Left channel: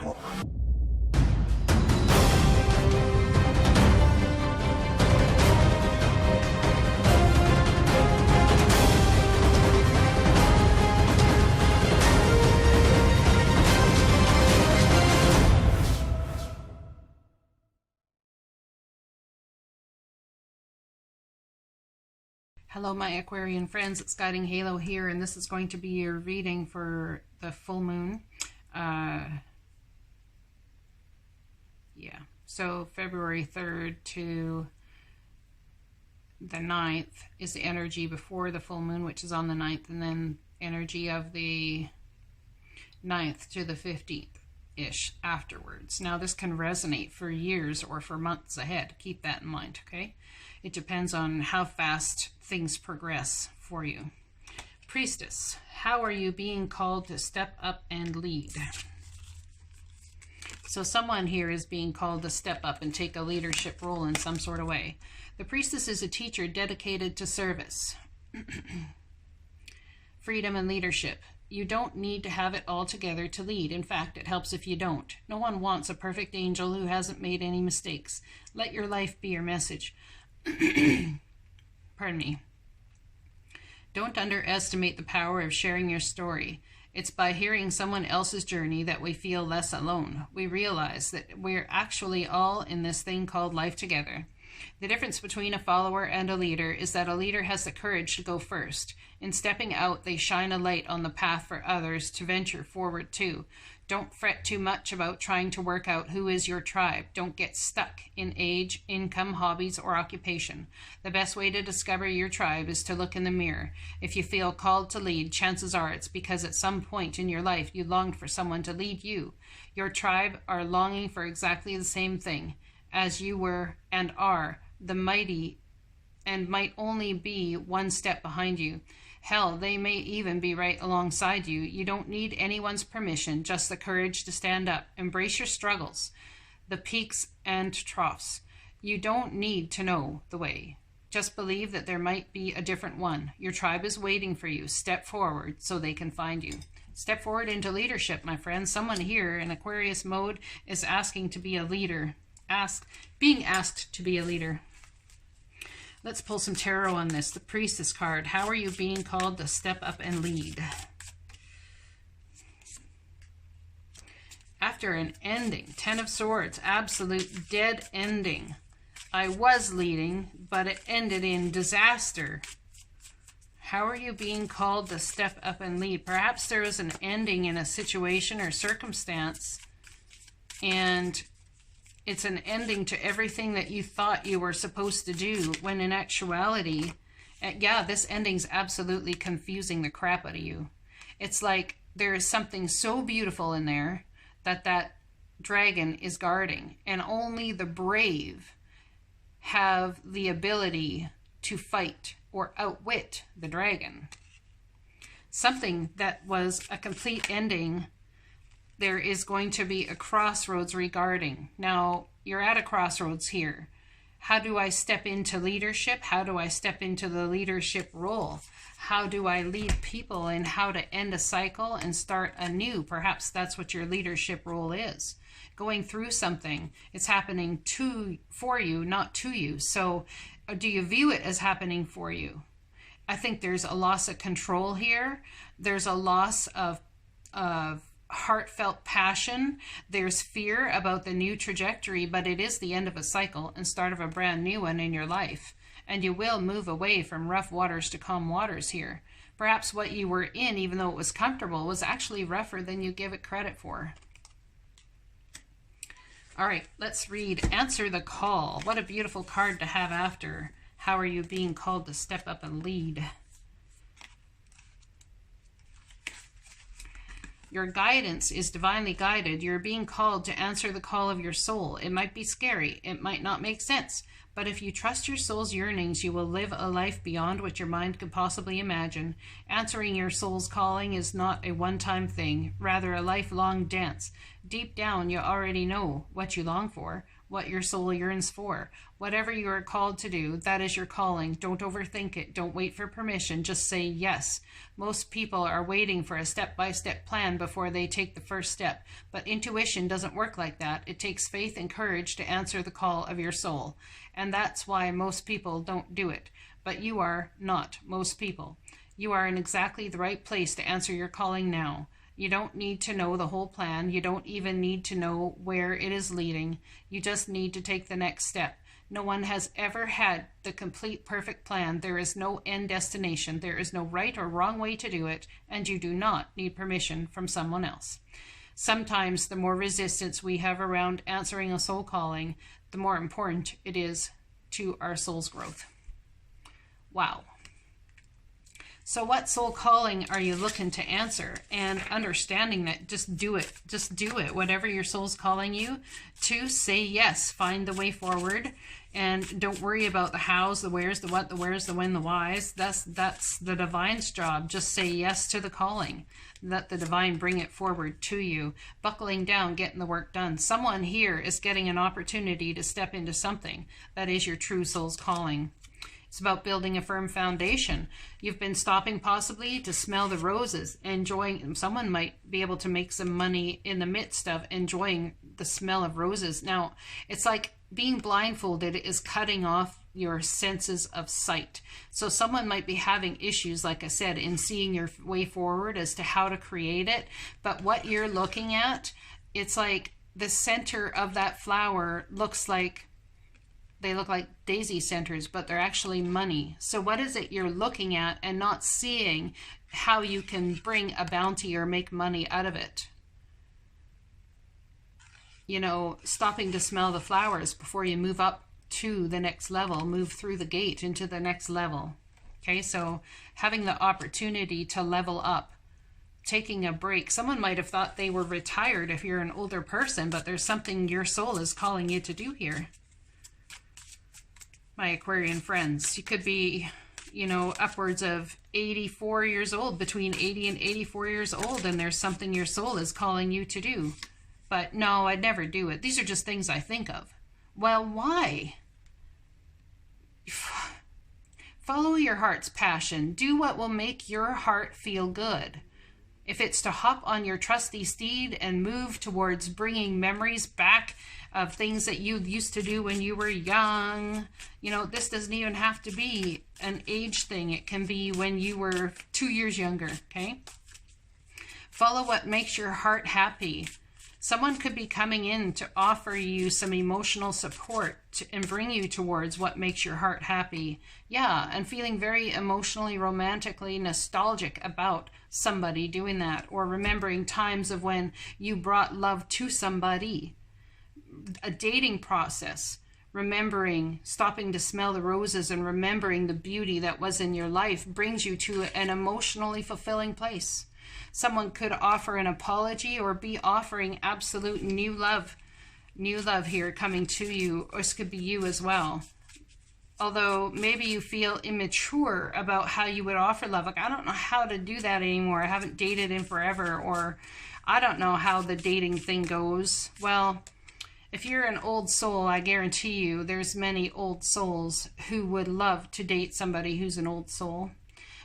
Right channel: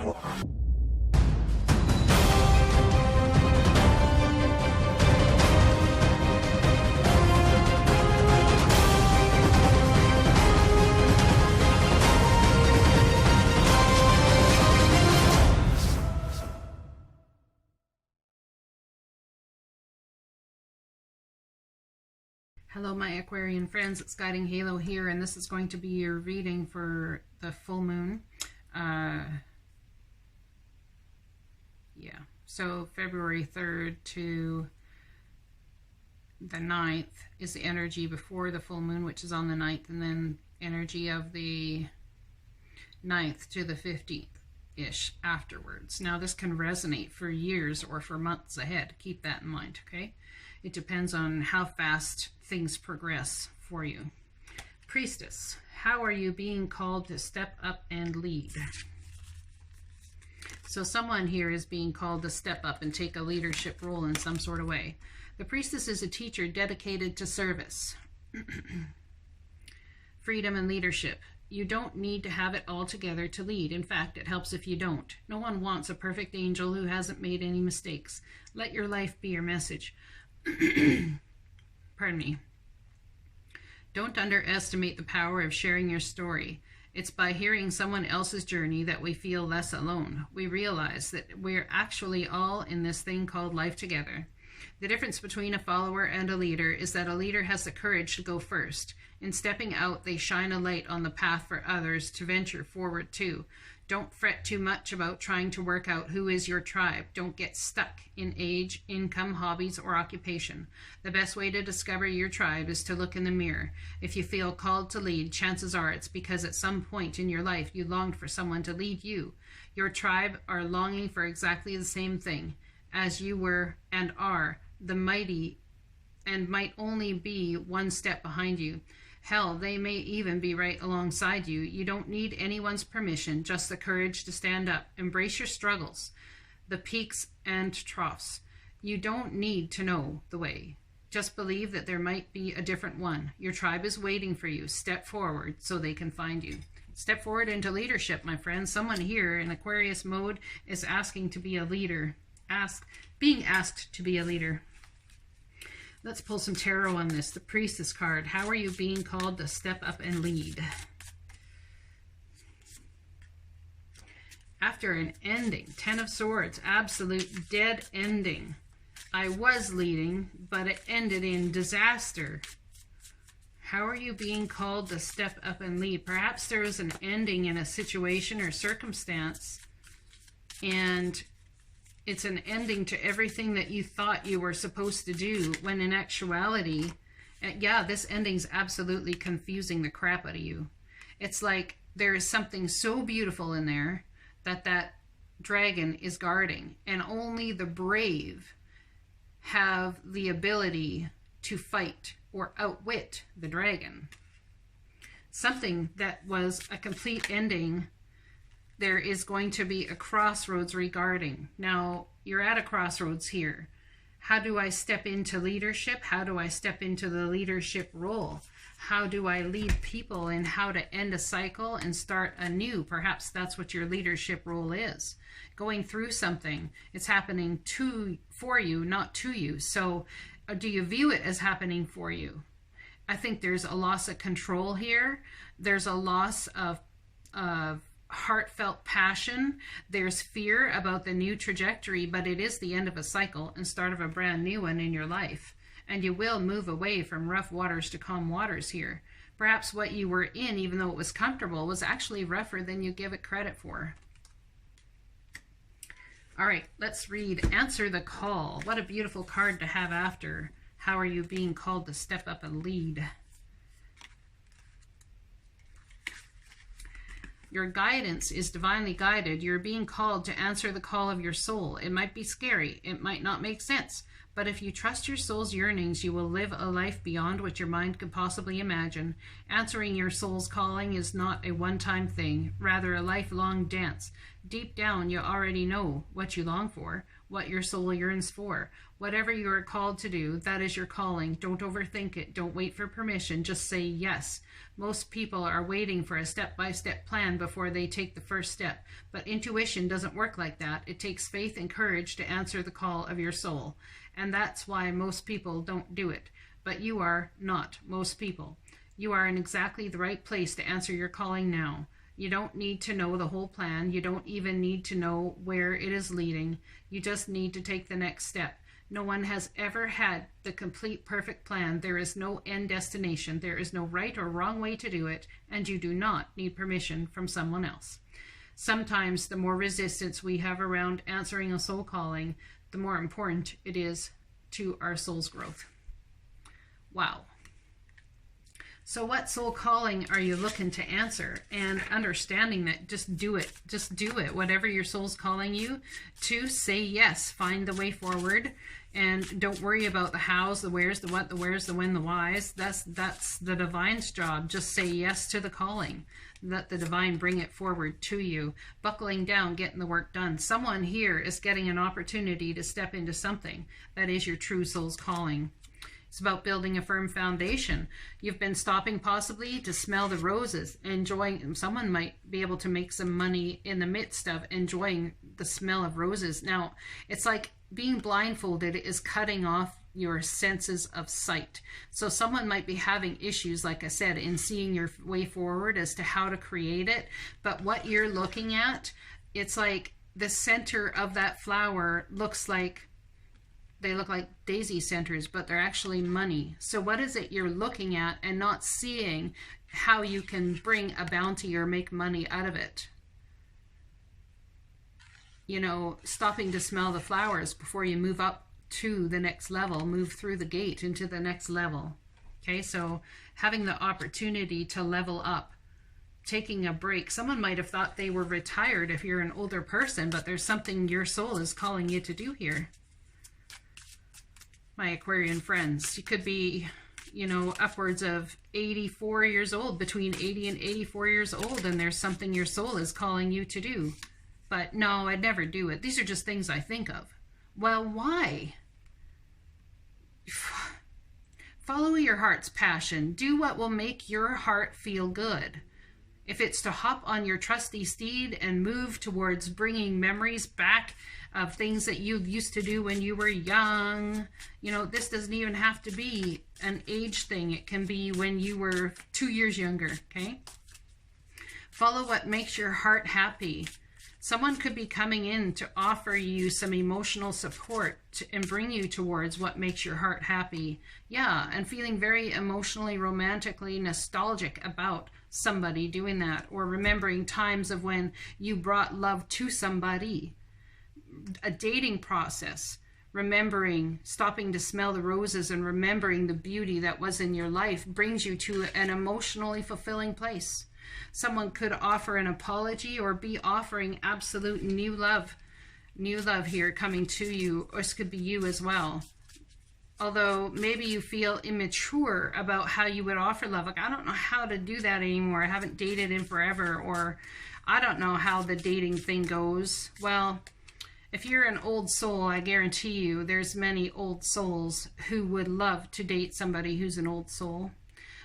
Hello my Aquarian friends, it's Guiding Halo here, and this is going to be your reading for the full moon. So February 3rd to the 9th is the energy before the full moon, which is on the 9th, and then energy of the 9th to the 15th-ish afterwards. Now this can resonate for years or for months ahead. Keep that in mind, okay? It depends on how fast things progress for you. Priestess, how are you being called to step up and lead? So someone here is being called to step up and take a leadership role in some sort of way. The priestess is a teacher dedicated to service, freedom, and leadership. You don't need to have it all together to lead. In fact, it helps if you don't. No one wants a perfect angel who hasn't made any mistakes. Let your life be your message. Pardon me. Don't underestimate the power of sharing your story. It's by hearing someone else's journey that we feel less alone. We realize that we're actually all in this thing called life together. The difference between a follower and a leader is that a leader has the courage to go first. In stepping out, they shine a light on the path for others to venture forward too. Don't fret too much about trying to work out who is your tribe. Don't get stuck in age, income, hobbies, or occupation. The best way to discover your tribe is to look in the mirror. If you feel called to lead, chances are it's because at some point in your life you longed for someone to lead you. Your tribe are longing for exactly the same thing as you were and are, the mighty, and might only be one step behind you. Hell, they may even be right alongside you. You don't need anyone's permission, just the courage to stand up. Embrace your struggles, the peaks and troughs. You don't need to know the way. Just believe that there might be a different one. Your tribe is waiting for you. Step forward so they can find you. Step forward into leadership, my friends. Someone here in Aquarius mode is asking to be a leader. Being asked to be a leader. Let's pull some tarot on this. The Priestess card. How are you being called to step up and lead? After an ending, 10 of Swords, absolute dead ending. I was leading, but it ended in disaster. How are you being called to step up and lead? Perhaps there was an ending in a situation or circumstance, and it's an ending to everything that you thought you were supposed to do, when in actuality, yeah, this ending's absolutely confusing the crap out of you. It's like there is something so beautiful in there that dragon is guarding, and only the brave have the ability to fight or outwit the dragon. Something that was a complete ending, there is going to be a crossroads regarding. Now, you're at a crossroads here. How do I step into leadership? How do I step into the leadership role? How do I lead people, and how to end a cycle and start anew? Perhaps that's what your leadership role is. Going through something, it's happening for you, not to you. So do you view it as happening for you? I think there's a loss of control here. There's a loss of heartfelt passion. There's fear about the new trajectory, but it is the end of a cycle and start of a brand new one in your life. And you will move away from rough waters to calm waters here. Perhaps what you were in, even though it was comfortable, was actually rougher than you give it credit for. All right, let's read Answer the Call. What a beautiful card to have after. How are you being called to step up and lead? Your guidance is divinely guided. You're being called to answer the call of your soul. It might be scary. It might not make sense. But if you trust your soul's yearnings, you will live a life beyond what your mind could possibly imagine. Answering your soul's calling is not a one-time thing, rather a lifelong dance. Deep down, you already know what you long for. what your soul yearns for. Whatever you are called to do, that is your calling. Don't overthink it. Don't wait for permission. Just say yes. Most people are waiting for a step-by-step plan before they take the first step. But intuition doesn't work like that. It takes faith and courage to answer the call of your soul. And that's why most people don't do it. But you are not most people. You are in exactly the right place to answer your calling now. You don't need to know the whole plan. You don't even need to know where it is leading. You just need to take the next step. No one has ever had the complete perfect plan. There is no end destination. There is no right or wrong way to do it, and you do not need permission from someone else. Sometimes the more resistance we have around answering a soul calling, the more important it is to our soul's growth. Wow. So what soul calling are you looking to answer? And understanding that just do it. Just do it. Whatever your soul's calling you to, say yes. Find the way forward. And don't worry about the hows, the wheres, the what, the wheres, the when, the whys. That's the divine's job. Just say yes to the calling. Let the divine bring it forward to you. Buckling down, getting the work done. Someone here is getting an opportunity to step into something that is your true soul's calling. It's about building a firm foundation. You've been stopping possibly to smell the roses, enjoying. Someone might be able to make some money in the midst of enjoying the smell of roses. Now, it's like being blindfolded is cutting off your senses of sight. So someone might be having issues, like I said, in seeing your way forward as to how to create it. But what you're looking at, it's like the center of that flower looks like, they look like daisy centers, but they're actually money. So what is it you're looking at and not seeing how you can bring a bounty or make money out of it? You know, stopping to smell the flowers before you move up to the next level, move through the gate into the next level. Okay, so having the opportunity to level up, taking a break. Someone might have thought they were retired if you're an older person, but there's something your soul is calling you to do here. My Aquarian friends, you could be, you know, upwards of 84 years old, between 80 and 84 years old, and there's something your soul is calling you to do. But no, I'd never do it. These are just things I think of. Well, why? Follow your heart's passion. Do what will make your heart feel good. If it's to hop on your trusty steed and move towards bringing memories back of things that you used to do when you were young, you know, this doesn't even have to be an age thing. It can be when you were 2 years younger, okay? Follow what makes your heart happy. Someone could be coming in to offer you some emotional support and bring you towards what makes your heart happy. Yeah, and feeling very emotionally, romantically nostalgic about somebody doing that, or remembering times of when you brought love to somebody. A dating process, remembering, stopping to smell the roses and remembering the beauty that was in your life brings you to an emotionally fulfilling place. Someone could offer an apology or be offering absolute new love here coming to you, or this could be you as well. Although maybe you feel immature about how you would offer love. Like, I don't know how to do that anymore. I haven't dated in forever, or I don't know how the dating thing goes. Well, if you're an old soul, I guarantee you there's many old souls who would love to date somebody who's an old soul.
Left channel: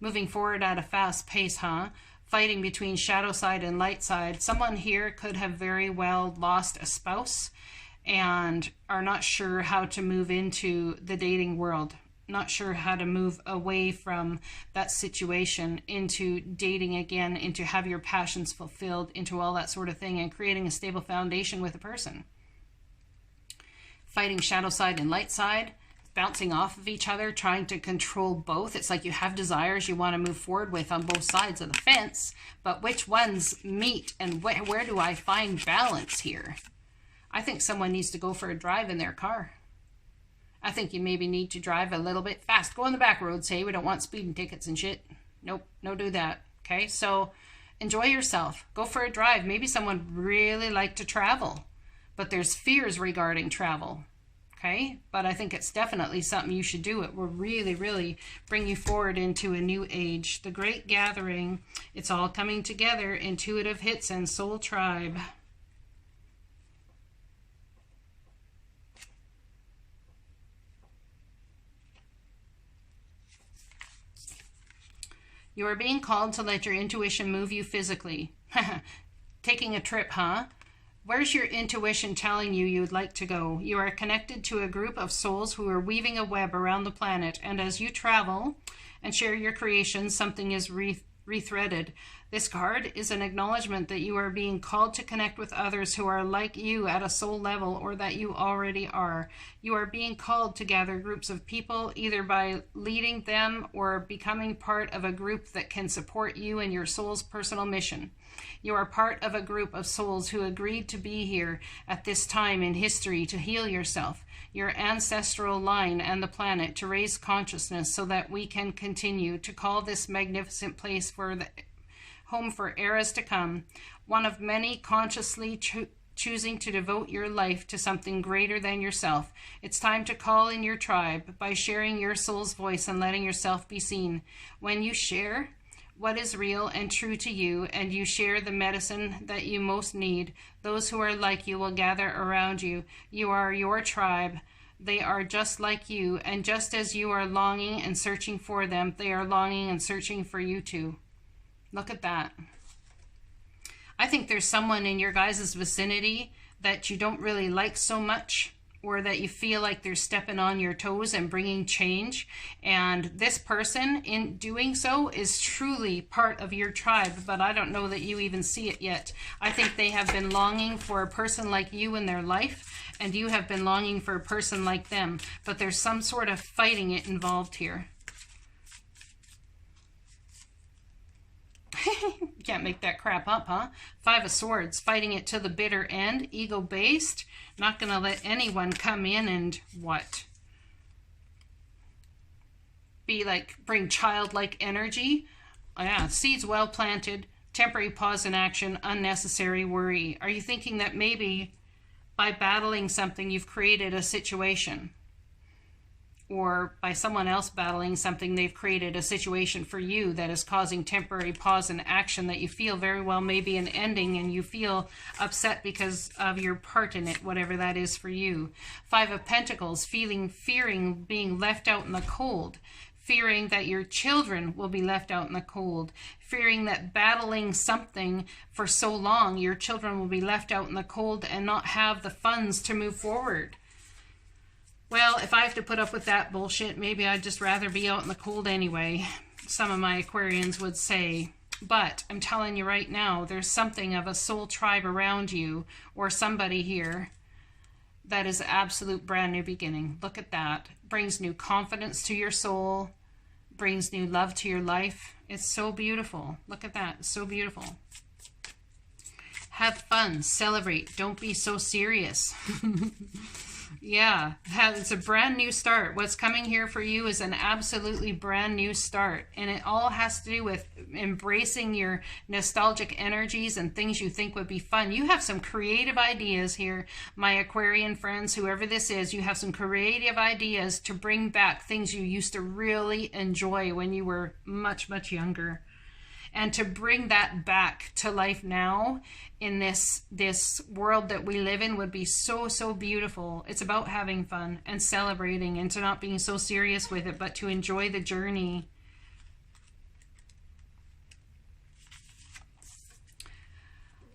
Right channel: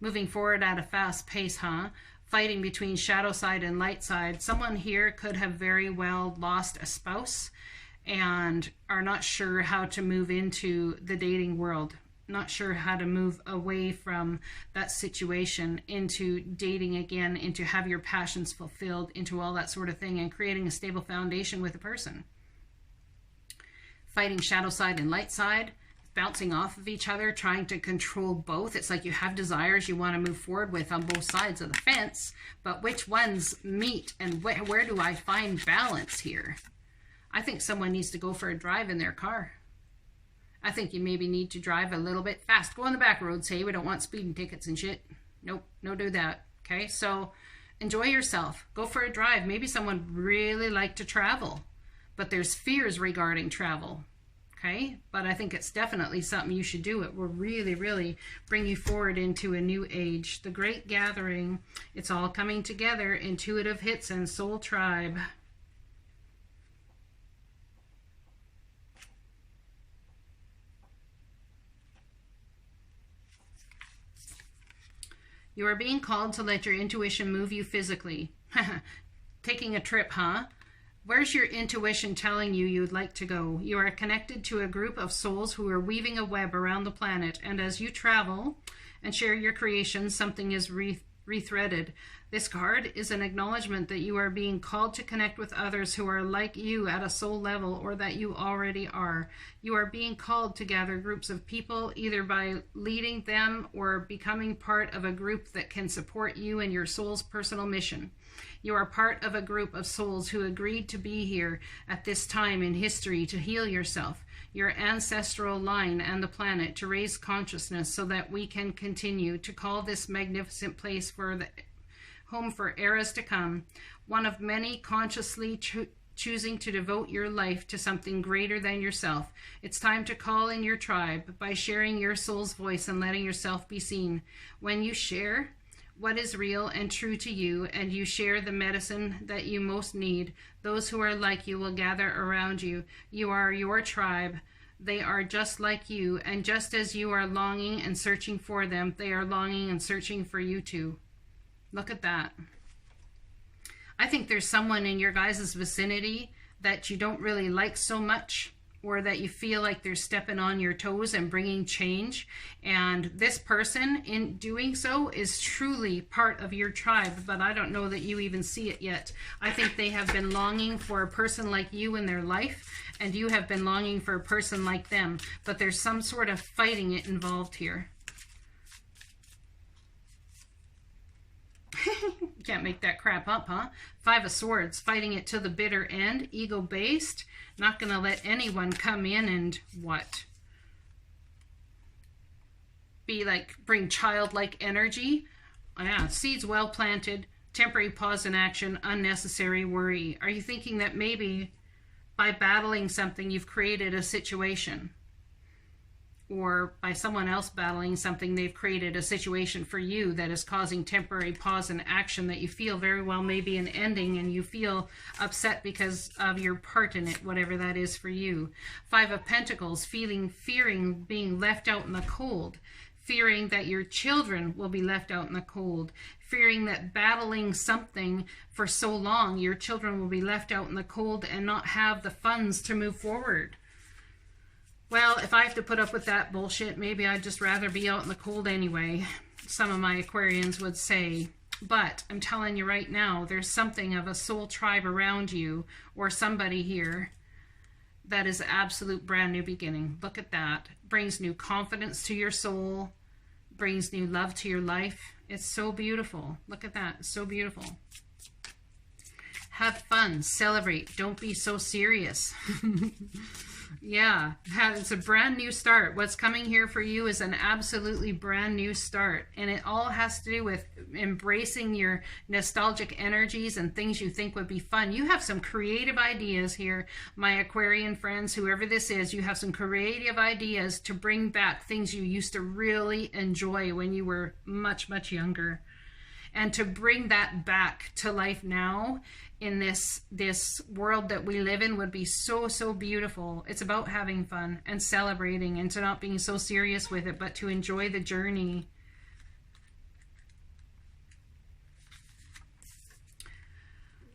Moving forward at a fast pace, huh? Fighting between shadow side and light side. Someone here could have very well lost a spouse and are not sure how to move into the dating world. Not sure how to move away from that situation into dating again, into have your passions fulfilled, into all that sort of thing, and creating a stable foundation with a person. Fighting shadow side and light side, bouncing off of each other, trying to control both. It's like you have desires you want to move forward with on both sides of the fence, but which ones meet, and where do I find balance here? I think someone needs to go for a drive in their car. I think you maybe need to drive a little bit fast. Go on the back roads. Hey, we don't want speeding tickets and shit. Nope, no do that. Okay, so enjoy yourself. Go for a drive. Maybe someone really like to travel, but there's fears regarding travel. Okay, but I think it's definitely something you should do. It will really, really bring you forward into a new age. The Great Gathering. It's all coming together. Intuitive hits and Soul Tribe. You are being called to let your intuition move you physically. Taking a trip, huh? Where's your intuition telling you you'd like to go? You are connected to a group of souls who are weaving a web around the planet, and as you travel and share your creations, something is rethreaded. This card is an acknowledgement that you are being called to connect with others who are like you at a soul level, or that you already are. You are being called to gather groups of people, either by leading them or becoming part of a group that can support you in your soul's personal mission. You are part of a group of souls who agreed to be here at this time in history to heal yourself, your ancestral line, and the planet, to raise consciousness so that we can continue to call this magnificent place for the home for eras to come, one of many consciously choosing to devote your life to something greater than yourself. It's time to call in your tribe by sharing your soul's voice and letting yourself be seen. When you share what is real and true to you, and you share the medicine that you most need, those who are like you will gather around you. You are your tribe. They are just like you, and just as you are longing and searching for them, they are longing and searching for you too. Look at that. I think there's someone in your guys' vicinity that you don't really like so much, or that you feel like they're stepping on your toes and bringing change. And this person, in doing so, is truly part of your tribe, but I don't know that you even see it yet. I think they have been longing for a person like you in their life, and you have been longing for a person like them, but there's some sort of fighting it involved here. Can't make that crap up, huh? Five of Swords, fighting it to the bitter end, ego-based, not going to let anyone come in and what? Be like, bring childlike energy. Yeah, seeds well planted, temporary pause in action, unnecessary worry. Are you thinking that maybe by battling something you've created a situation? Or by someone else battling something, they've created a situation for you that is causing temporary pause in action that you feel very well may be an ending, and you feel upset because of your part in it, whatever that is for you. Five of Pentacles, fearing being left out in the cold, fearing that your children will be left out in the cold, fearing that battling something for so long, your children will be left out in the cold and not have the funds to move forward. Well, if I have to put up with that bullshit, maybe I'd just rather be out in the cold anyway, some of my Aquarians would say. But I'm telling you right now, there's something of a soul tribe around you, or somebody here, that is absolute brand new beginning. Look at that. Brings new confidence to your soul, brings new love to your life. It's so beautiful. Look at that. It's so beautiful. Have fun. Celebrate. Don't be so serious. Yeah, it's a brand new start. What's coming here for you is an absolutely brand new start. And it all has to do with embracing your nostalgic energies and things you think would be fun. You have some creative ideas here, my Aquarian friends, whoever this is. You have some creative ideas to bring back things you used to really enjoy when you were much, much younger. And to bring that back to life now in this world that we live in would be so, so beautiful. It's about having fun and celebrating, and to not being so serious with it, but to enjoy the journey.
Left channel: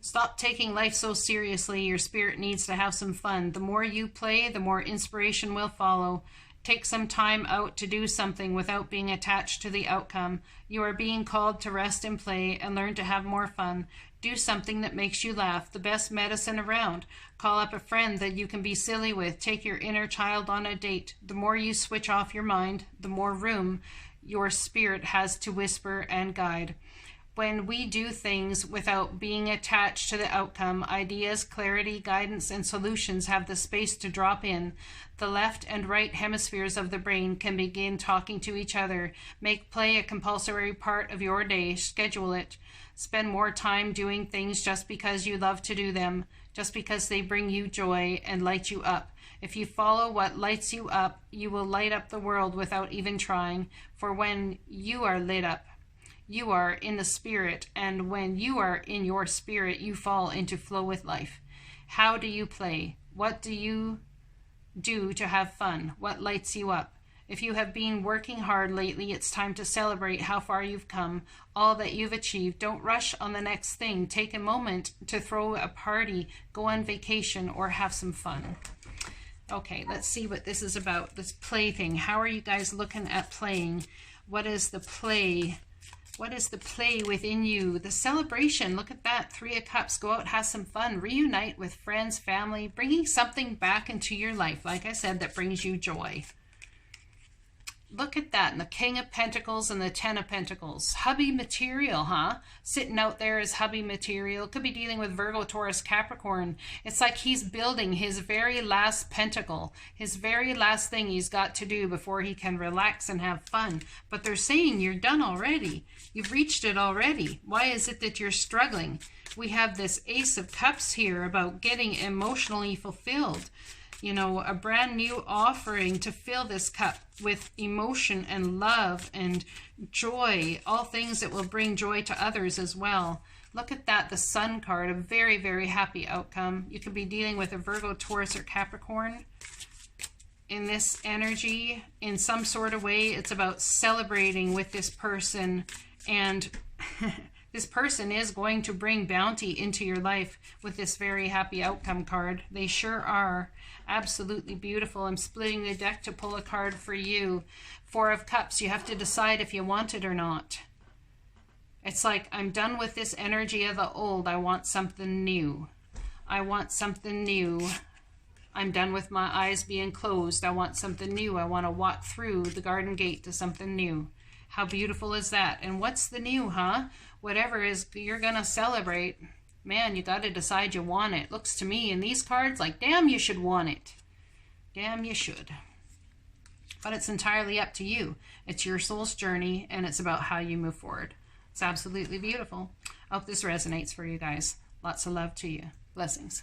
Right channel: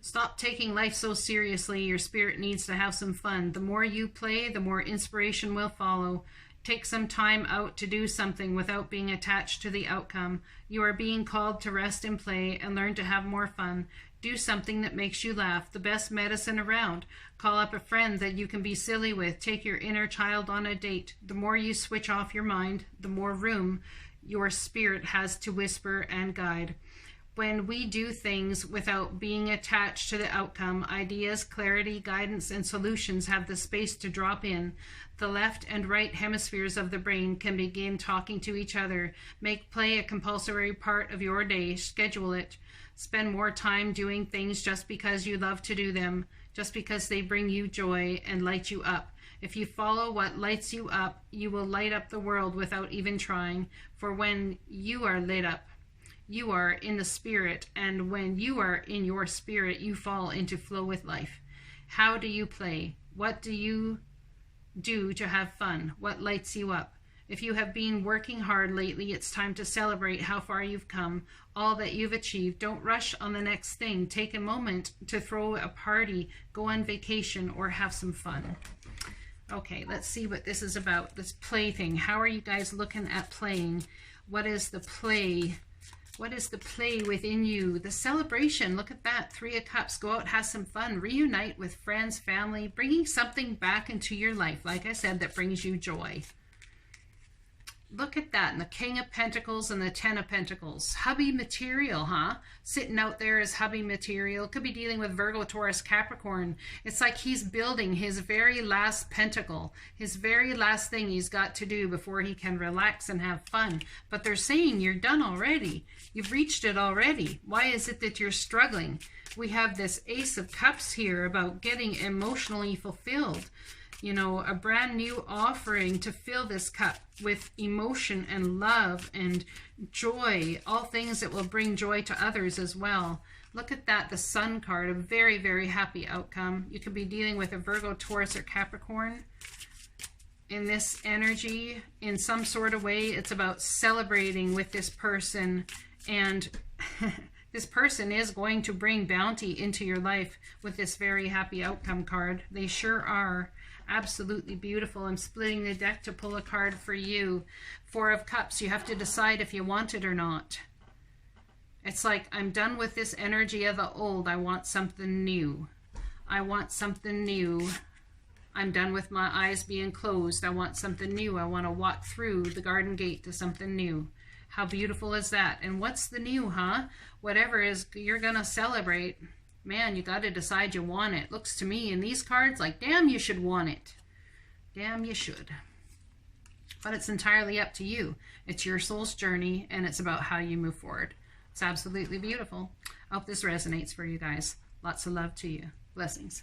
Stop taking life so seriously. Your spirit needs to have some fun. The more you play, the more inspiration will follow. Take some time out to do something without being attached to the outcome. You are being called to rest and play and learn to have more fun. Do something that makes you laugh. The best medicine around. Call up a friend that you can be silly with. Take your inner child on a date. The more you switch off your mind, the more room your spirit has to whisper and guide. When we do things without being attached to the outcome, ideas, clarity, guidance, and solutions have the space to drop in. The left and right hemispheres of the brain can begin talking to each other. Make play a compulsory part of your day. Schedule it. Spend more time doing things just because you love to do them, just because they bring you joy and light you up. If you follow what lights you up, you will light up the world without even trying. For when you are lit up, you are in the spirit, and when you are in your spirit, you fall into flow with life. How do you play? What do you do to have fun? What lights you up? If you have been working hard lately, it's time to celebrate how far you've come, all that you've achieved. Don't rush on the next thing. Take a moment to throw a party, go on vacation, or have some fun. Okay, let's see what this is about, this play thing. How are you guys looking at playing? What is the play? What is the play within you? The celebration, look at that. 3 of Cups, go out, have some fun. Reunite with friends, family, bringing something back into your life, like I said, that brings you joy. Look at that, and the King of Pentacles and the 10 of Pentacles. Hubby material, huh? Sitting out there as hubby material. Could be dealing with Virgo, Taurus, Capricorn. It's like he's building his very last pentacle, his very last thing he's got to do before he can relax and have fun. But they're saying you're done already. You've reached it already. Why is it that you're struggling? We have this Ace of Cups here about getting emotionally fulfilled. You know, a brand new offering to fill this cup with emotion and love and joy, all things that will bring joy to others as well. Look at that, the Sun card, a very, very happy outcome. You could be dealing with a Virgo, Taurus, or Capricorn in this energy in some sort of way. It's about celebrating with this person, and this person is going to bring bounty into your life with this very happy outcome card. They sure are. Absolutely beautiful. I'm splitting the deck to pull a card for you. 4 of Cups. You have to decide if you want it or not. It's like, I'm done with this energy of the old. I want something new. I want something new. I'm done with my eyes being closed. I want something new. I want to walk through the garden gate to something new. How beautiful is that? And what's the new, huh? Whatever is you're going to celebrate. Man, you got to decide you want it. Looks to me in these cards like, damn, you should want it. Damn, you should. But it's entirely up to you. It's your soul's journey, and it's about how you move forward. It's absolutely beautiful. I hope this resonates for you guys. Lots of love to you. Blessings.